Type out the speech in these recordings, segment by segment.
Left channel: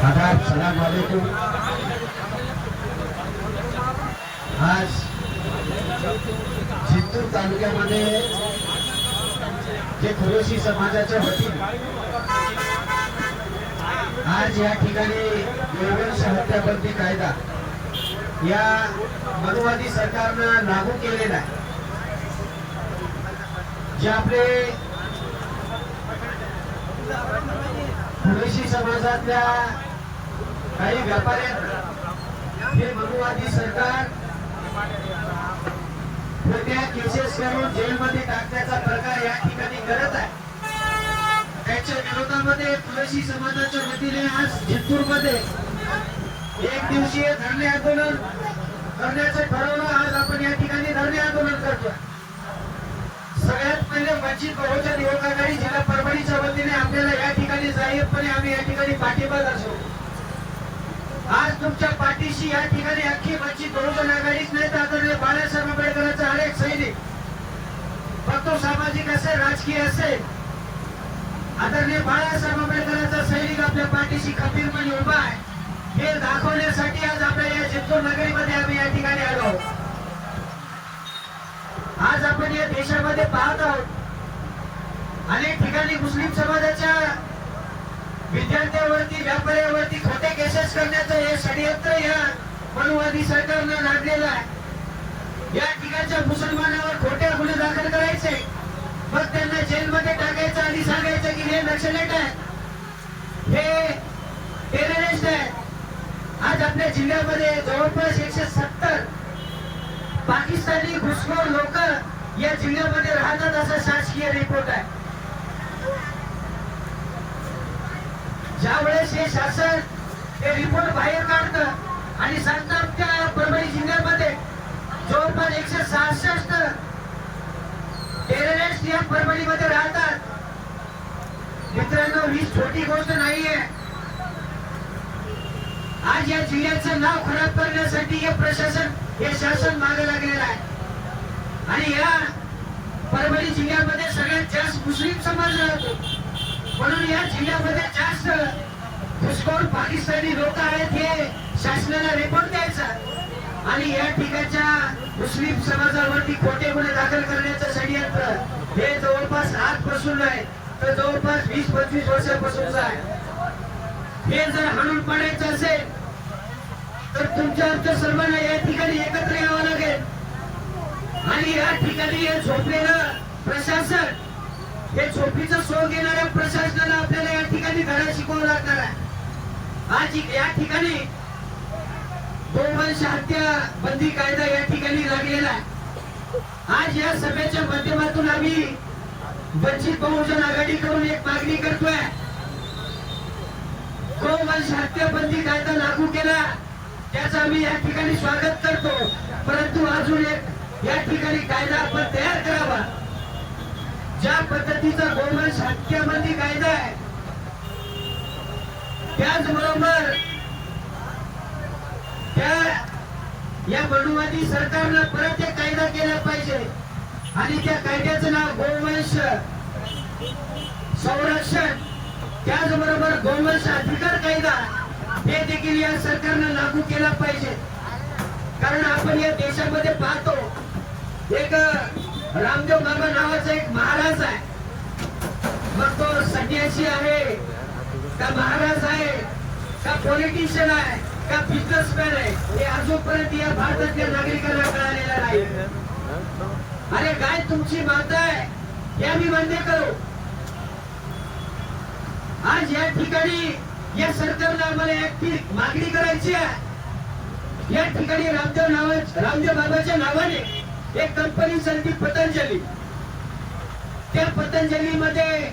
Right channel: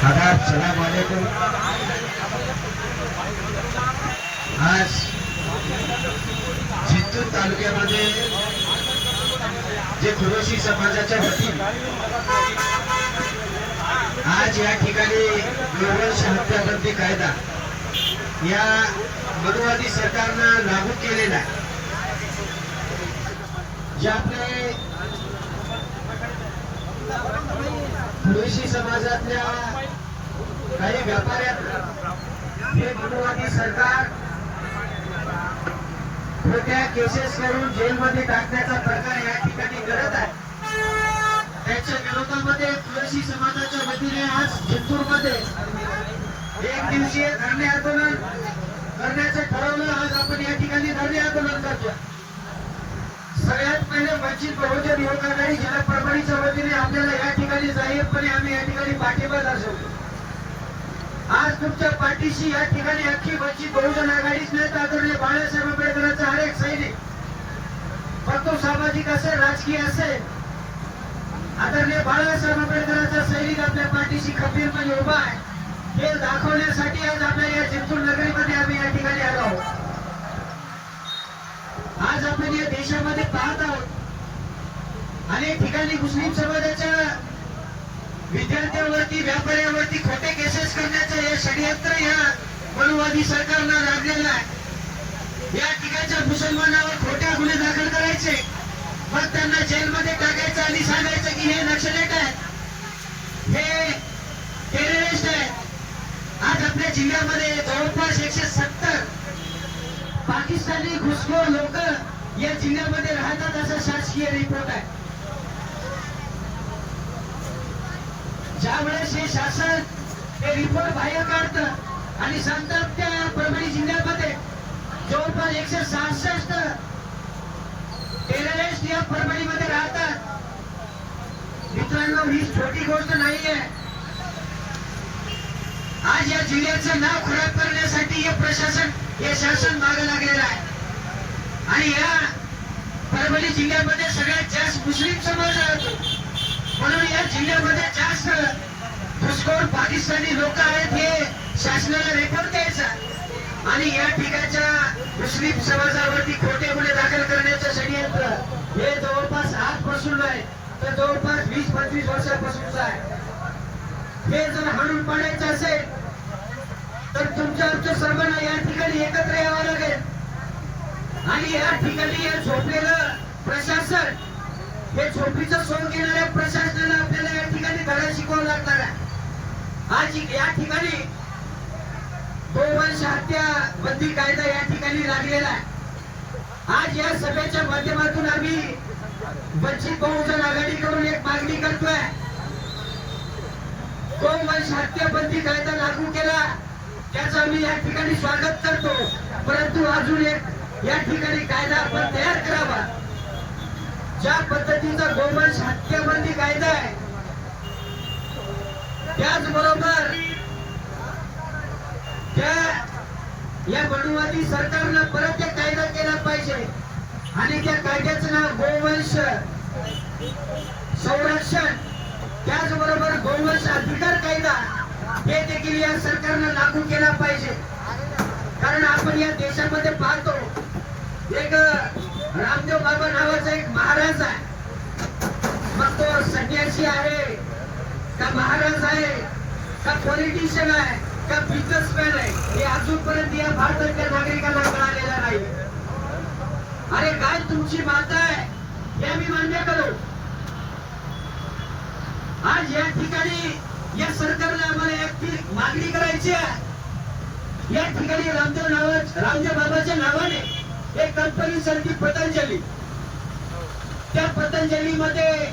आदाब सलाम वालेकुम आज जिंतूर तालुक्यामध्ये जे खुरोशी समाजाच्या वतीने आज या ठिकाणी गोवंश हत्याबंदी कायदा या मनुवादी सरकारनं लागू केलेला जे आपले खुरोशी समाजातल्या काही हे मनुवादी सरकार खोट्या केसेस करून जेलमध्ये टाकण्याचा प्रकार या ठिकाणी करत आहे. त्याच्या विरोधामध्ये तुळशी समाजाच्या वतीने आज जिंतूरमध्ये एक दिवसीय धरणे आंदोलन करण्याचं ठरवलं. आज आपण या ठिकाणी धरणे आंदोलन करतोय. सगळ्यात पहिले वंचित बहुजन युवक आघाडी जिल्हा परभणीच्या वतीने आपल्याला या ठिकाणी जाहीरपणे आम्ही या ठिकाणी पाठिंबा दर्शवतो आज तुमच्या पाठीशी या ठिकाणी अख्खी बच्ची बहुजन आघाडीच नाही तर आदरणीय बाळासाहेब आंबेडकरांचा अनेक सैनिक. फक्त तो सामाजिक असेल राजकीय असेल. आदरणीय बाळासाहेब आंबेडकरांचा सैनिक आपल्या पाठीशी खंबीरपणे उभा आहे. हे दाखवण्यासाठी आज आपल्या या जिंतूर नगरीमध्ये आम्ही या ठिकाणी आलो आहोत. आज आपण या देशामध्ये पाहत आहोत. अनेक ठिकाणी मुस्लिम समाजाच्या विद्यार्थ्यांवरती व्यापाऱ्यावरती खोटे केसेस करण्याचं हे षडयंत्र या मनुवादी सरकारनं लादलेलं आहे. या ठिकाणच्या मुसलमानावर खोट्या गुन्हे दाखल करायचे मग त्यांना जेलमध्ये टाकायचं आणि सांगायचं की हे नक्षलेट आहेत हे टेररिस्ट आहेत. आज आपल्या जिल्ह्यामध्ये जवळपास एकशे सत्तर पाकिस्तानी घुसखोर लोक या जिल्ह्यामध्ये राहतात असा शासकीय रिपोर्ट आहे. ज्या वेळेस हे शासन हे रिपोर्ट बाहेर काढतं आणि सांगतात त्या परभणी जिल्ह्यामध्ये जवळपास एकशे सहासष्ट टेररिस्ट या परभणीमध्ये राहतात. मित्रांनो ही छोटी गोष्ट नाहीये. आज या जिल्ह्याचं नाव खराब करण्यासाठी हे प्रशासन हे शासन मागे लागलेलं आहे. आणि या परभणी जिल्ह्यामध्ये सगळ्यात जास्त मुस्लिम समाज राहतो. या जिल्ह्यामध्ये जास्त घुसखोर पाकिस्तानी लोक आहेत हे शासनाला रिपोर्ट द्यायचा आणि या ठिकाणच्या मुस्लिम समाजावरती खोटे गुन्हे दाखल करण्याचं षडयंत्र हे जवळपास आजपासून नाही तर जवळपास वीस पंचवीस वर्षापासूनच आहे. हे जर हाणून पाडायचं असेल तर तुमच्या आमच्या सर्वांना या ठिकाणी एकत्र यावं लागेल. आणि या ठिकाणी हे झोपलेलं प्रशासन हे झोपीचा सोड घेणाऱ्या प्रशासनाला आपल्याला या ठिकाणी धडा शिकवावं लागणार आहे. आज या ठिकाणी गोवंश हत्या बंदी कायदा या ठिकाणी लागलेला आहे. आज या सभेच्या माध्यमातून आम्ही वंचित बहुजन आघाडीकडून एक मागणी करतोय. गोवंश हत्या बंदी कायदा लागू केला त्याचं आम्ही या ठिकाणी स्वागत करतो. परंतु अजून एक या ठिकाणी कायदा आपण तयार करावा. ज्या पद्धतीचा गोवंश हत्याबंदी कायदा आहे त्याचबरोबर त्या या मनुवादी सरकारनं परत त्या कायदा केला पाहिजे. आणि त्या कायद्याचं नाव गोवंश संरक्षण त्याचबरोबर गोवंश अधिकार कायदा हे देखील या सरकारनं लागू केला पाहिजे. कारण आपण या देशामध्ये पाहतो एक रामदेव बाबा नावाचा एक महाराज आहे. मग तो संन्यासी आहे. का महाराज आहे? का पॉलिटिशियन आहे? का बिझनेसमॅन आहे? हे अजूनपर्यंत या भारतातल्या नागरिकांना कळालेलं नाही. अरे काय तुमची माता आहे? या मी मान्य करू. आज या ठिकाणी या सरकारला आम्हाला एक मागणी करायची आहे. या ठिकाणी रामदेव नावा रामदेव बाबाच्या नावाने एक कंपनी सारखी पतंजली. त्या पतंजली मध्ये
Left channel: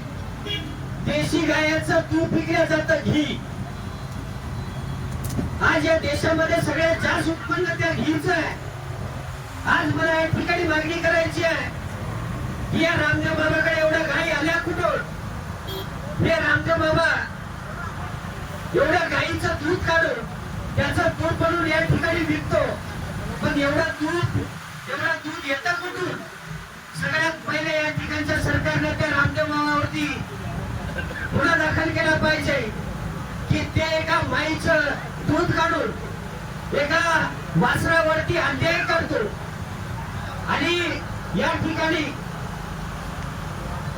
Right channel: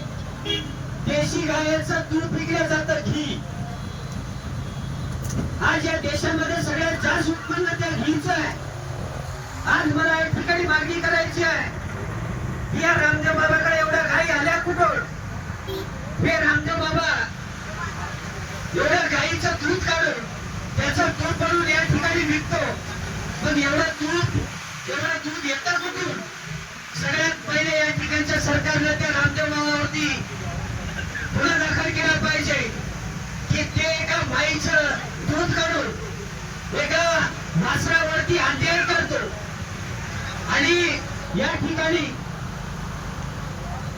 देशी गायाचं दूध विकलं जातं घी. आज या देशामध्ये सगळ्यात जास्त उत्पन्न त्या घीच आहे. आज मला या ठिकाणी मागणी करायची आहे की या रामदेव बाबाकडे एवढ्या गायी आल्या कुठून? हे रामदेव बाबा एवढ्या गायीचं दूध काढून त्याचं दूध बनवून या ठिकाणी विकतो. पण एवढं दूध एवढं दूध येतात कुठून सगळ्यात पहिले या ठिकाणच्या सरकारला त्या रामदेव बाबावरती गुन्हा दाखल केला पाहिजे. की ते एका माय एका वासरावरती अन्याय करतो. आणि या ठिकाणी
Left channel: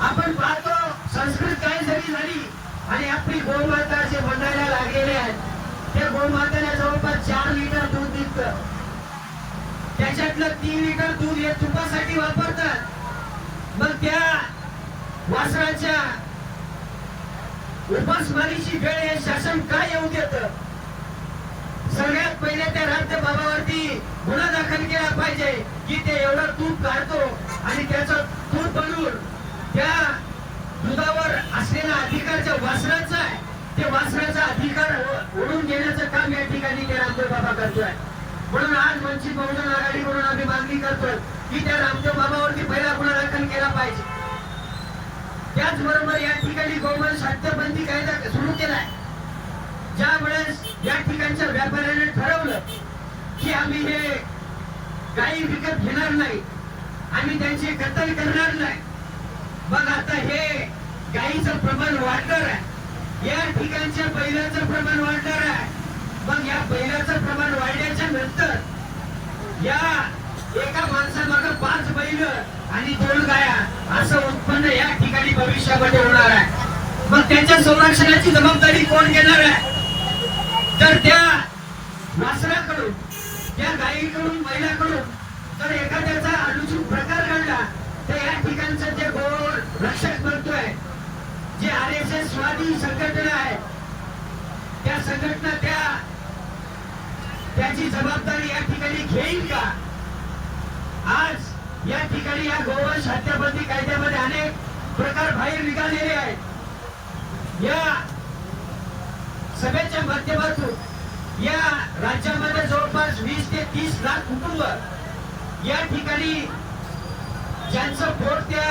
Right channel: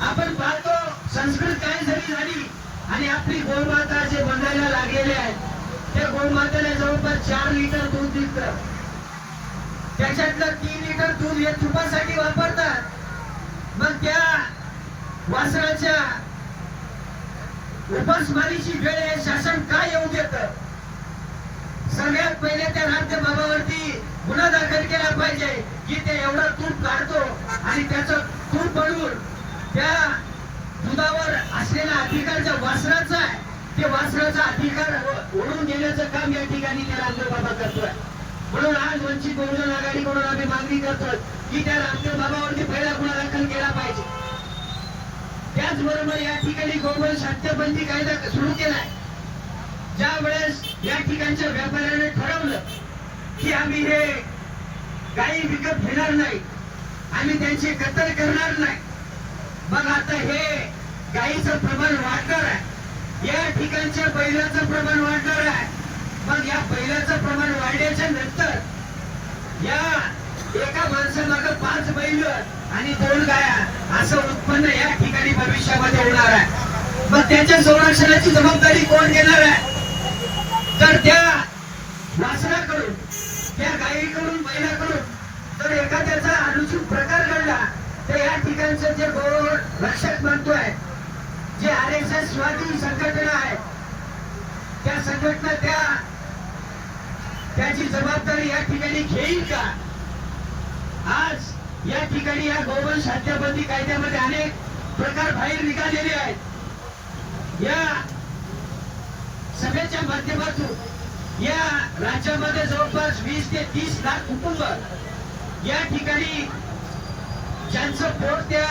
आपण पाहतो संस्कृत काय जरी झाली आणि आपली गोमाता जे बनायला लागलेले आहेत त्या गोमातेला जवळपास चार लिटर दूध दिसतं. त्याच्यातलं तीन लिटर दूध हे तुपासाठी वापरतात. मग त्या वासराच्या उपासमारीची वेळ हे शासन का येऊ देत? सगळ्यात पहिले त्या राज्य बाबावरती गुन्हा दाखल केला पाहिजे की ते एवढं तूप काढतो आणि त्याचं तूप बनवून त्या दुधावर असलेला अधिकार ज्या वासराचा आहे. ते वासराचा अधिकार ओढून घेण्याचं काम या ठिकाणी ते रामदेव बाबा करतोय. म्हणून आज वंचित बहुजन आघाडी म्हणून आम्ही मागणी करतोय की त्या रामदेव बाबावरती पहिला गुन्हा दाखल केला पाहिजे. त्याचबरोबर या ठिकाणी गोवंश हत्याबंदी कायदा सुरू केलाय. ज्या वेळेस या ठिकाणच्या व्यापाऱ्याने ठरवलं की आम्ही हे गायी विकत घेणार नाही आम्ही त्यांचे कत्तल करणार नाही मग आता हे गायीचं प्रमाण वाढणार आहे. या ठिकाणच्या बैलाचं प्रमाण वाढणार आहे. मग या बैलाचं प्रमाण वाढल्याच्या या एका माणसामागे पाच बैल आणि दोन गाया असं उत्पन्न या ठिकाणी भविष्यामध्ये होणार आहे. मग त्याच्या संरक्षणाची जबाबदारी कोण घेणार आहे? तर त्या वासराकडून त्या गायीकडून बैलाकडून जर एखाद्याचा अनुचित प्रकार घडला तर या ठिकाणचं जे गौरव रक्षक म्हणतोय जे आर एस एस स्वादी संघटना आहे त्या संघटना त्या त्याची जबाबदारी या ठिकाणी घेईल का? आज या ठिकाणी या गोवंश हत्याबंदी कायद्यामध्ये अनेक प्रकार बाहेर निघालेले आहेत. या सभेच्या माध्यमातून या राज्यामध्ये जवळपास वीस ते तीस लाख कुटुंब या ठिकाणी ज्यांचं पोट त्या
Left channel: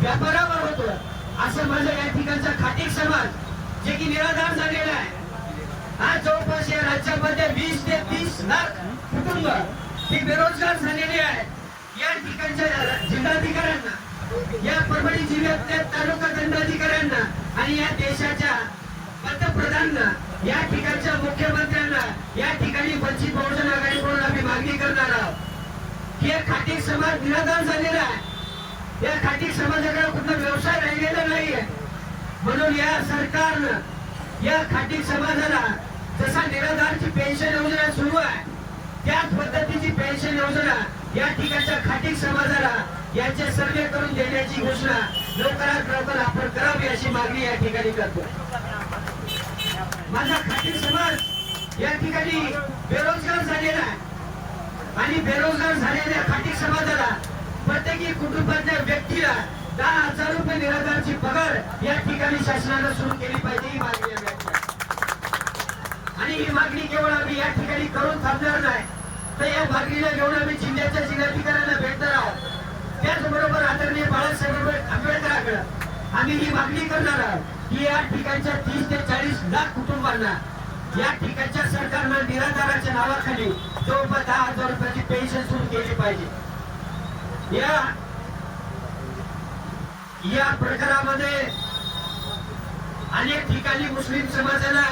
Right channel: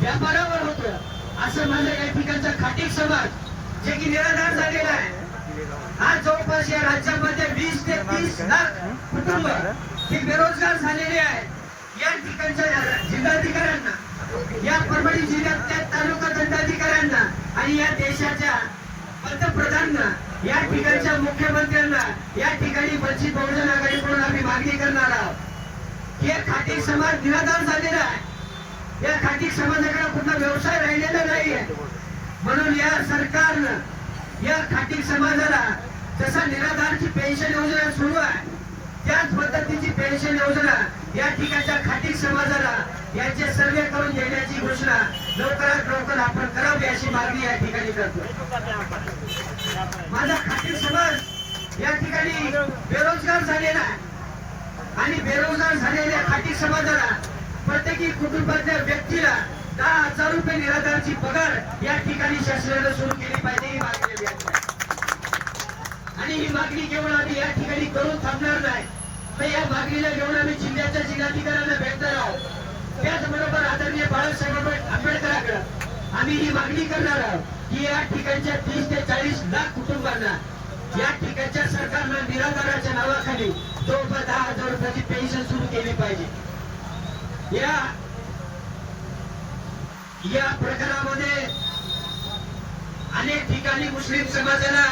व्यापारावर होतं असं माझं या ठिकाणचा खाटीक समाज जे की निराधार झालेला आहे. आज जवळपास या राज्यामध्ये वीस ते तीस लाख कुटुंब हे बेरोजगार झालेले आहेत. या ठिकाणच्या जिल्हाधिकाऱ्यांना या परभणी जिल्ह्यातल्या तालुका दंडाधिकाऱ्यांना आणि या देशाच्या पंतप्रधानांना या ठिकाणच्या मुख्यमंत्र्यांना या ठिकाणी वंचित बहुजन आघाडीकडून आम्ही मागणी करणार आहोत. की या समाज निराधार झालेला आहे. या खाटी समाजाकडे कुठला व्यवसाय राहिलेला नाहीये. म्हणून या सरकारनं या खाटी समाजाला जसा निराधारची पेन्शन योजना सुरू आहे. त्याच पद्धतीची पेन्शन योजना या ठिकाणच्या खाटी समाजाला यांचे सर्वे करून देण्याची घोषणा लवकरात लवकर आपण करावी अशी मागणी या ठिकाणी करतो. माझा खाटी समाज या ठिकाणी बेरोजगार झालेला आहे. आणि बेरोजगार झालेल्या खाटी समाजाला प्रत्येकी कुटुंबातल्या व्यक्तीला दहा हजार रुपये निराधारची पगार या ठिकाणी शासनानं सुरू केली पाहिजे ही मागणी आहे. आणि ही मागणी केवळ आम्ही या ठिकाणी करून थांबणार नाही. तर या मागणीला घेऊन आम्ही जिल्ह्याच्या जिल्हाधिकाऱ्यांना भेटणार आहोत. त्याचबरोबर आदरणीय बाळासाहेब आंबेडकरांकडे आम्ही ही मागणी करणार आहोत की या ठिकाणच्या तीस ते चाळीस लाख कुटुंबांना या ठिकाणच्या सरकारनं निराधाराच्या नावाखाली जवळपास दहा हजार रुपयाची पेन्शन सुरू केली पाहिजे. या या प्रकारामध्ये अनेक ठिकाणी मुस्लिम समाजाला